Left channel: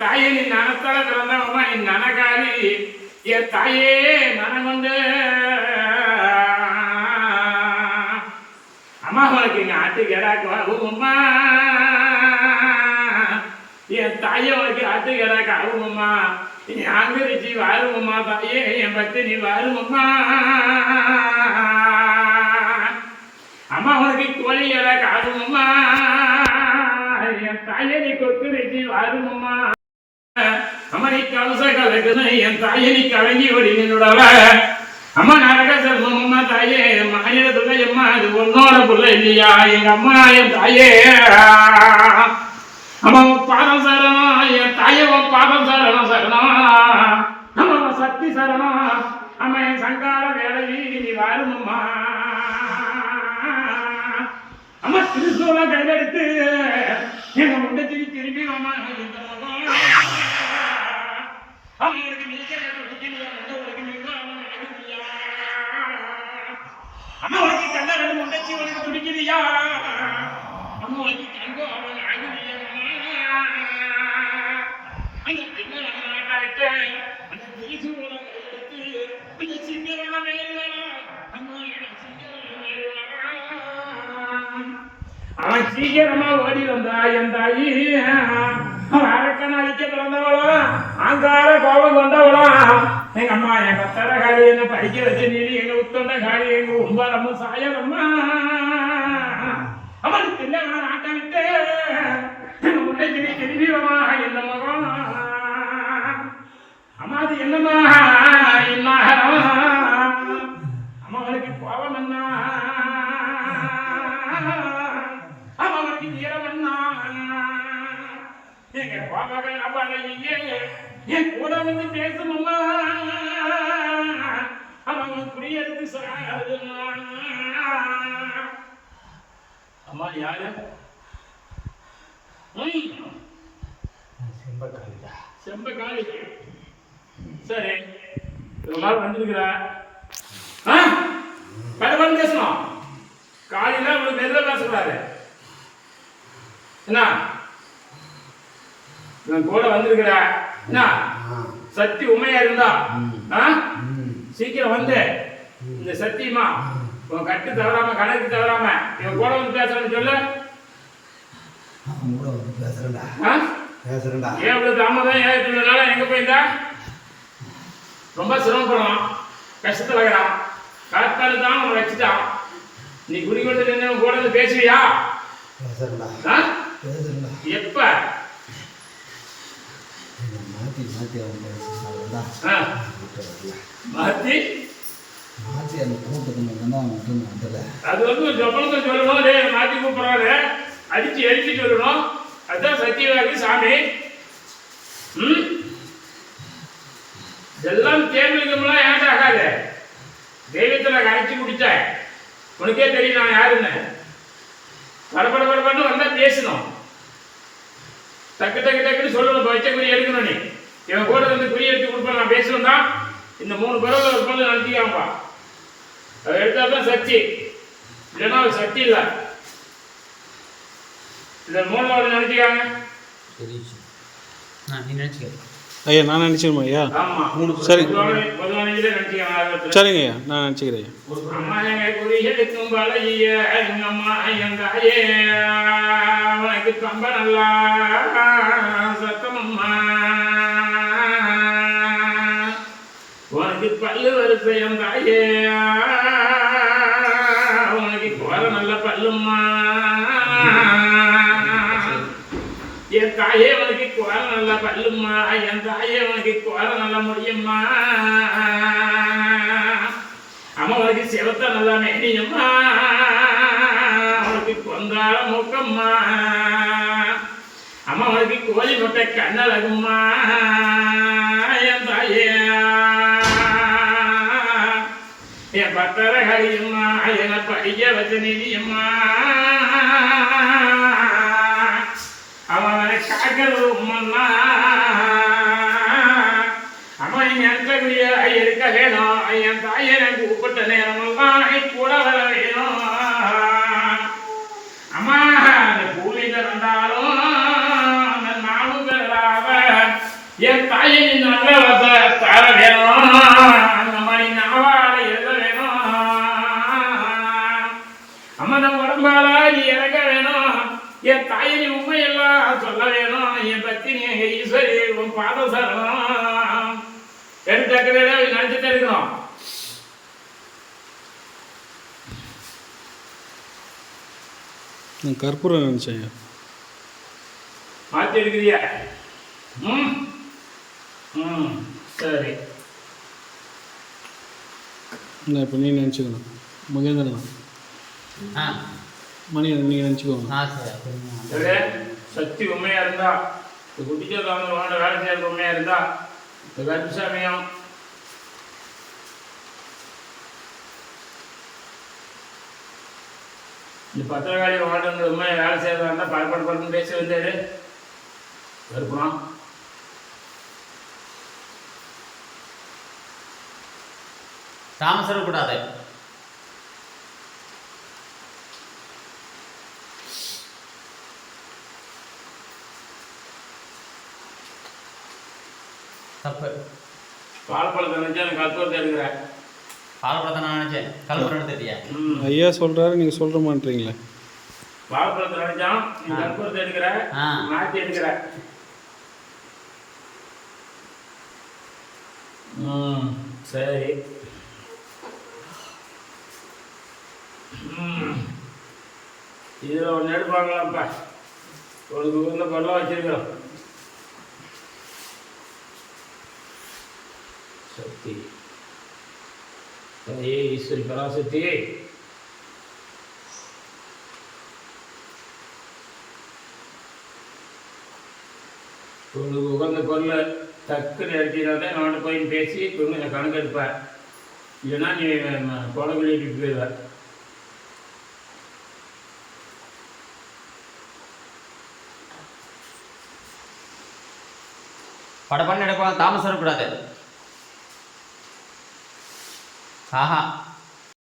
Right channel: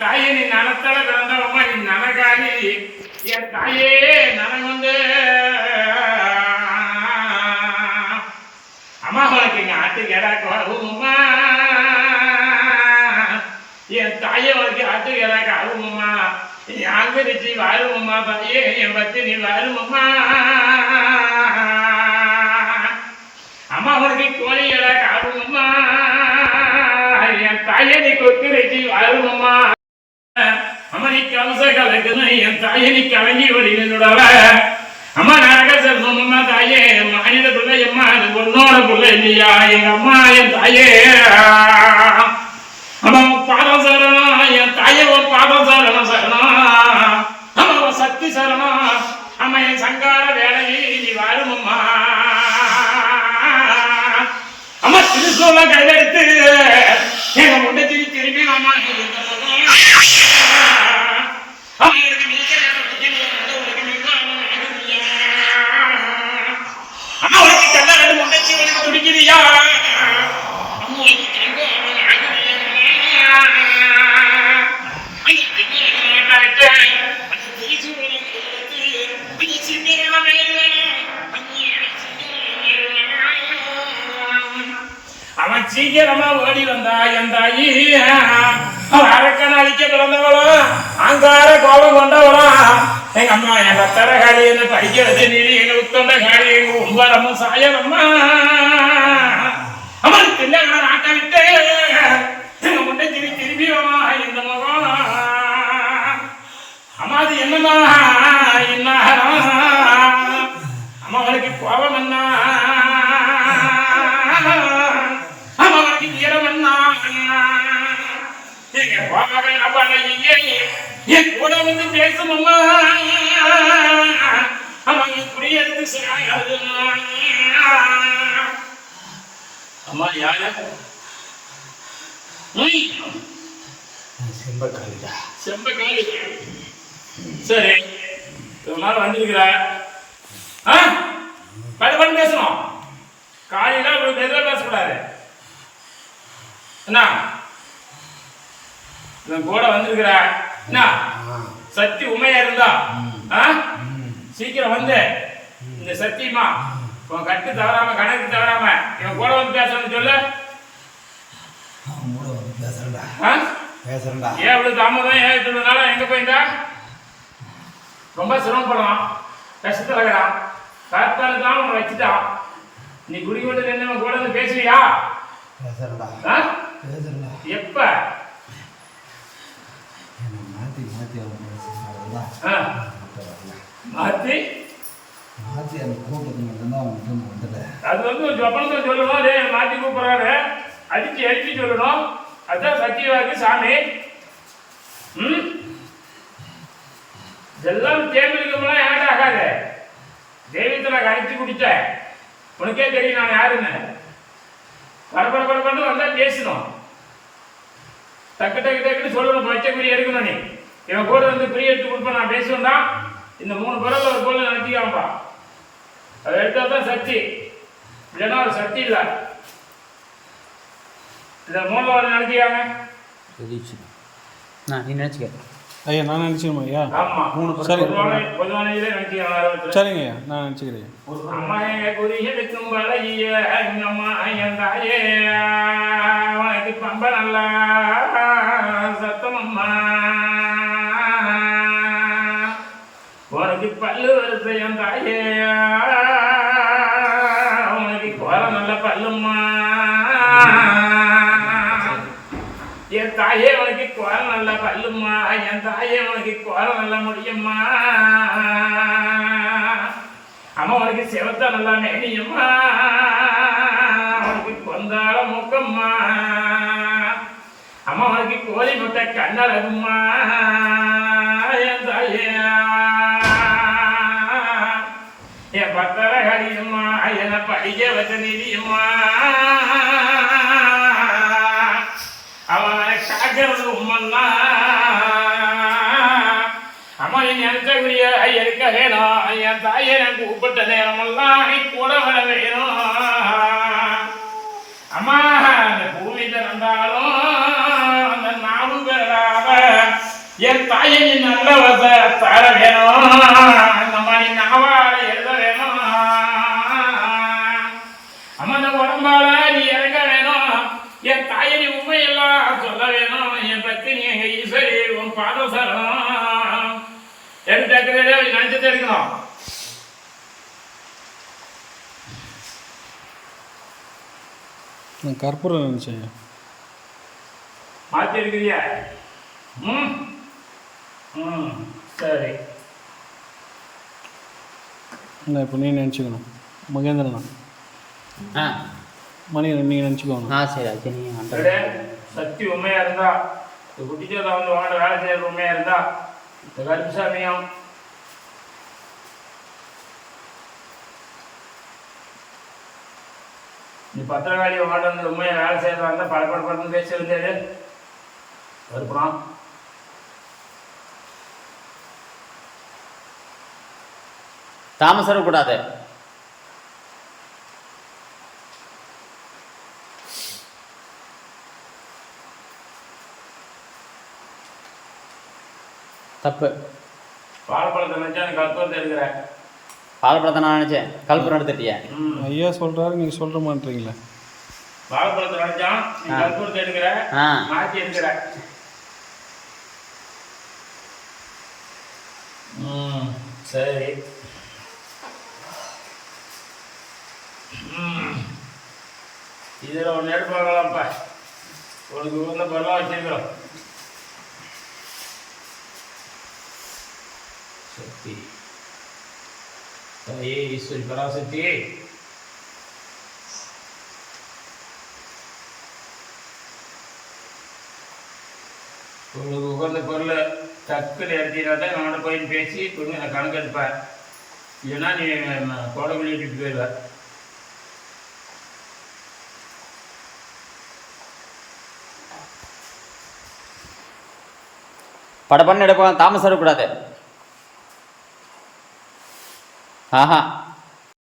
தாயே நீ நனத்தால பிறந்தவம்மா, நீ நனகாரி என் தாயே நனகொண்டு அம்மா உனக்கு இங்க ஆட்டுக்கேடாக்கு அவுமா, என் தாயே உனக்கு ஆட்டுக்கேடாக்கு அவுமா, நீ அங்கரிச்சு வாருமம்மா தாயே என் பத்தி நீ வாருமம்மா, அம்மா உனக்கு கோழி இடாக்கு ஆகுமம்மா, என் தாயே நீ கொத்திரிச்சு வாருமம்மா, அம்மா நீ கவச கலக்குது என் தாயை நீ கலங்கி ஓடினோட அம்மா நாக சர்மம்மா தாயே மாநில பிள்ளை அம்மா அது பொண்ணோட பிள்ளை இல்லையா எங்க அம்மா என் தாயே அம்மா பாதம் சரணம் என் தாயே உன் பாதம் சரணம் சரணம் அம்மா உன் சக்தி சரணம் அம்மா என் சங்கார வேலையை நீ வாருமம்மா, அம்மா திருசூல கையில எடுத்து எங்க முண்டை திரும்பி அம்மா துடிக்கிறியா அவன் சீக்கிரமா ஓடி வந்தா என் தாயி அரக்கன் அழிக்க பிறந்தவளோ அங்கார கோபம் கொண்டவளோ எங்க அம்மா என் ரத்தர காலி என்ன படிக்கிறது நீதி எங்க உத்தண்ட காலி எங்க உம்பரமும் சாயலம்மா, அவன் பிள்ளைகளை ஆட்ட விட்டு எங்க முட்டை திரும்பிடுமா இந்த முகம் அம்மா அது என்னமா இன்னாரம் அம்மா அவனுக்கு கோபம் என்ன அம்மா அவனுக்கு வீரம் என்ன என் கூட வந்து பேசணுமா அவன் குடியெடுத்து சாயாது அம்மா யாரு செம்பக்காலிடா செம்பக்காலி சரி ஒரு நாள் வந்திருக்கிற பரவாயில்ல பேசணும் காலையில உங்களுக்கு எதுவும் பேசக்கூடாது என்ன கூட வந்திருக்கிற என்ன சக்தி உண்மையா இருந்தா சீக்கிரம் வந்து இந்த சத்தியமா உன் கட்டு தவறாம கணக்கு தவறாம இவன் கூட வந்து பேசணும்னு சொல்லு. அவன் கூட வந்து பேசுறேன்டா ஏன் அவ்வளவு தாமதம் ஏன் இத்தனை நாளா எங்க போயிருந்தா ரொம்ப சிரமப்படுறான் கஷ்டத்துல இருக்கிறான் காற்பாடு தான் உன்னை வச்சுட்டான் நீ குடி கொண்டு நின்று கூட வந்து பேசுவியா? பேசுறேன்டா எப்ப மாத்தி மாத்தி மாத்தி மாத்தி அந்த கூட்டத்துக்கு மட்டும்தான் அவன் வந்துல அது வந்து ஒரு ஜப்பனுக்கு சொல்லணும் டே மாத்தி கூப்பிடுறாரு அடிச்சு அடிச்சு சொல்லணும் அதுதான் சத்தியவாதி சாமி. இதெல்லாம் கேள்விக்கெல்லாம் ஏன்டா ஆகாது தெய்வத்தை நான் அடிச்சு குடித்தேன் உனக்கே தெரியும் நான் யாருன்னு படப்படப்படப்பட்டு வந்தா பேசணும் டக்கு டக்கு டக்குன்னு சொல்லணும் வச்ச குறி எடுக்கணும் நீ இவன் கூட வந்து குறி எடுத்து கொடுப்பேன் நான் பேசுவேன் தான் இந்த 3 பரவல் ஒரு பொருள் நினைச்சுக்காமப்பா அதை எடுத்தா தான் சக்தி இல்லைன்னா ஒரு சக்தி இல்லை இந்த 3வது நினைச்சுக்காங்க நீ நினைச்சுக்க ஐயா நான் நினச்சிக்கணுமா ஐயா சரி சரிங்க ஐயா நான் நினச்சிக்கிறேன். அம்மா எங்க குறி எடுக்கும் பழகிய எங்க அம்மா என் தாயே உனக்கு பம்ப நல்லா சத்தமம்மா உனக்கு பல்லு வரிசை என் தாயே உனக்கு கோர நல்ல பல்லும்மா என் தாயே உனக்கு கோர நல்ல பல்லும்மா என் தாயே உனக்கு கோர நல்ல முடியும்மா அம்மா உனக்கு செவத்த நல்லா மேனியம்மா உனக்கு கொந்தாட மூக்கம்மா அம்மா உனக்கு கோழி முட்டை கண்ணழகும்மா என் தாயே என் பத்தர கடியம்மா என்னை படிக்க வச்ச நிதியம்மா அவனை காக்கிறது உம்மன்னா அம்மா நீ நினைச்சக்கூடிய இருக்க வேணும் என் தாயை எனக்கு கூப்பிட்ட நேரமெல்லாம் கூட வர வேணும் அம்மா அந்த பூமியில இருந்தாலும் அந்த 4 பேராக என் தாயை நீ நல்ல தார வேணும், அந்த மாதிரி நாவால எழுத வேணும். அம்மா நம்ம உடம்பால நீ இறங்க வேணும், என் தாயை நீ உண்மையெல்லாம் சொல்ல வேணும். என் பக்தி நீ எங்க ஈஸ்வரி உன் பாதம் சரணம். எடுத்து நினைச்சு தெரிக்கணும். நான் கற்பூரம் நினச்சேன் ஐயா. மாற்றி எடுக்கிறியா? ம் ம் சரி. நான் இப்போ நீ நினச்சிக்கணும் மகேந்திரனா ஆ மணி நீங்கள் நினச்சிக்கோங்க. ஆ சரி ஓகே நீங்கள் சரி, சக்தி உண்மையா இருந்தா, குட்டிச்சோர் வந்து வாங்க வேலை செய்யறது உண்மையா இருந்தா, இந்த கருப்பு சமயம் இந்த பத்திரகாளி வாண்ட வந்து உண்மையை வேலை செய்யறதா இருந்தா படப்படப்படன்னு பேசி வந்தாரு கருப்பணம். தாமசம் கூடாது. தப்பு. பாலப்பழத்தை நினைச்சா எனக்கு கற்பூரத்தை எடுக்கிறேன். பாலப்பழத்தை நான் நினச்சேன், கல்புரம் எடுத்துட்டியா? ஐயா சொல்கிறாரு நீங்கள் சொல்கிற மாட்டீங்களே. வாழைப்பழத்தை நினைச்சான் நீ கற்பூரத்தை எடுக்கிற, ஆ. மாற்றி எடுக்கிற. சரி. இதில் ஒன்று எடுப்பாங்களாப்பா, உனக்கு உள்ள பரவா வச்சிருக்கிறோம். சக்தி தாயே ஈஸ்வரி பராசக்தி, உங்களுக்கு உகந்த பொருளை டக்குன்னு எடுத்தீங்கன்னா தான் நான் போய் பேசி கொஞ்சம் கணக்கு எடுப்பேன். இல்லைன்னா நீ கொடை வெளியிட்டு போயிடுவேன். படப்பண்ணு எடுப்போம், தாமசம் கூடாது. ஆஹா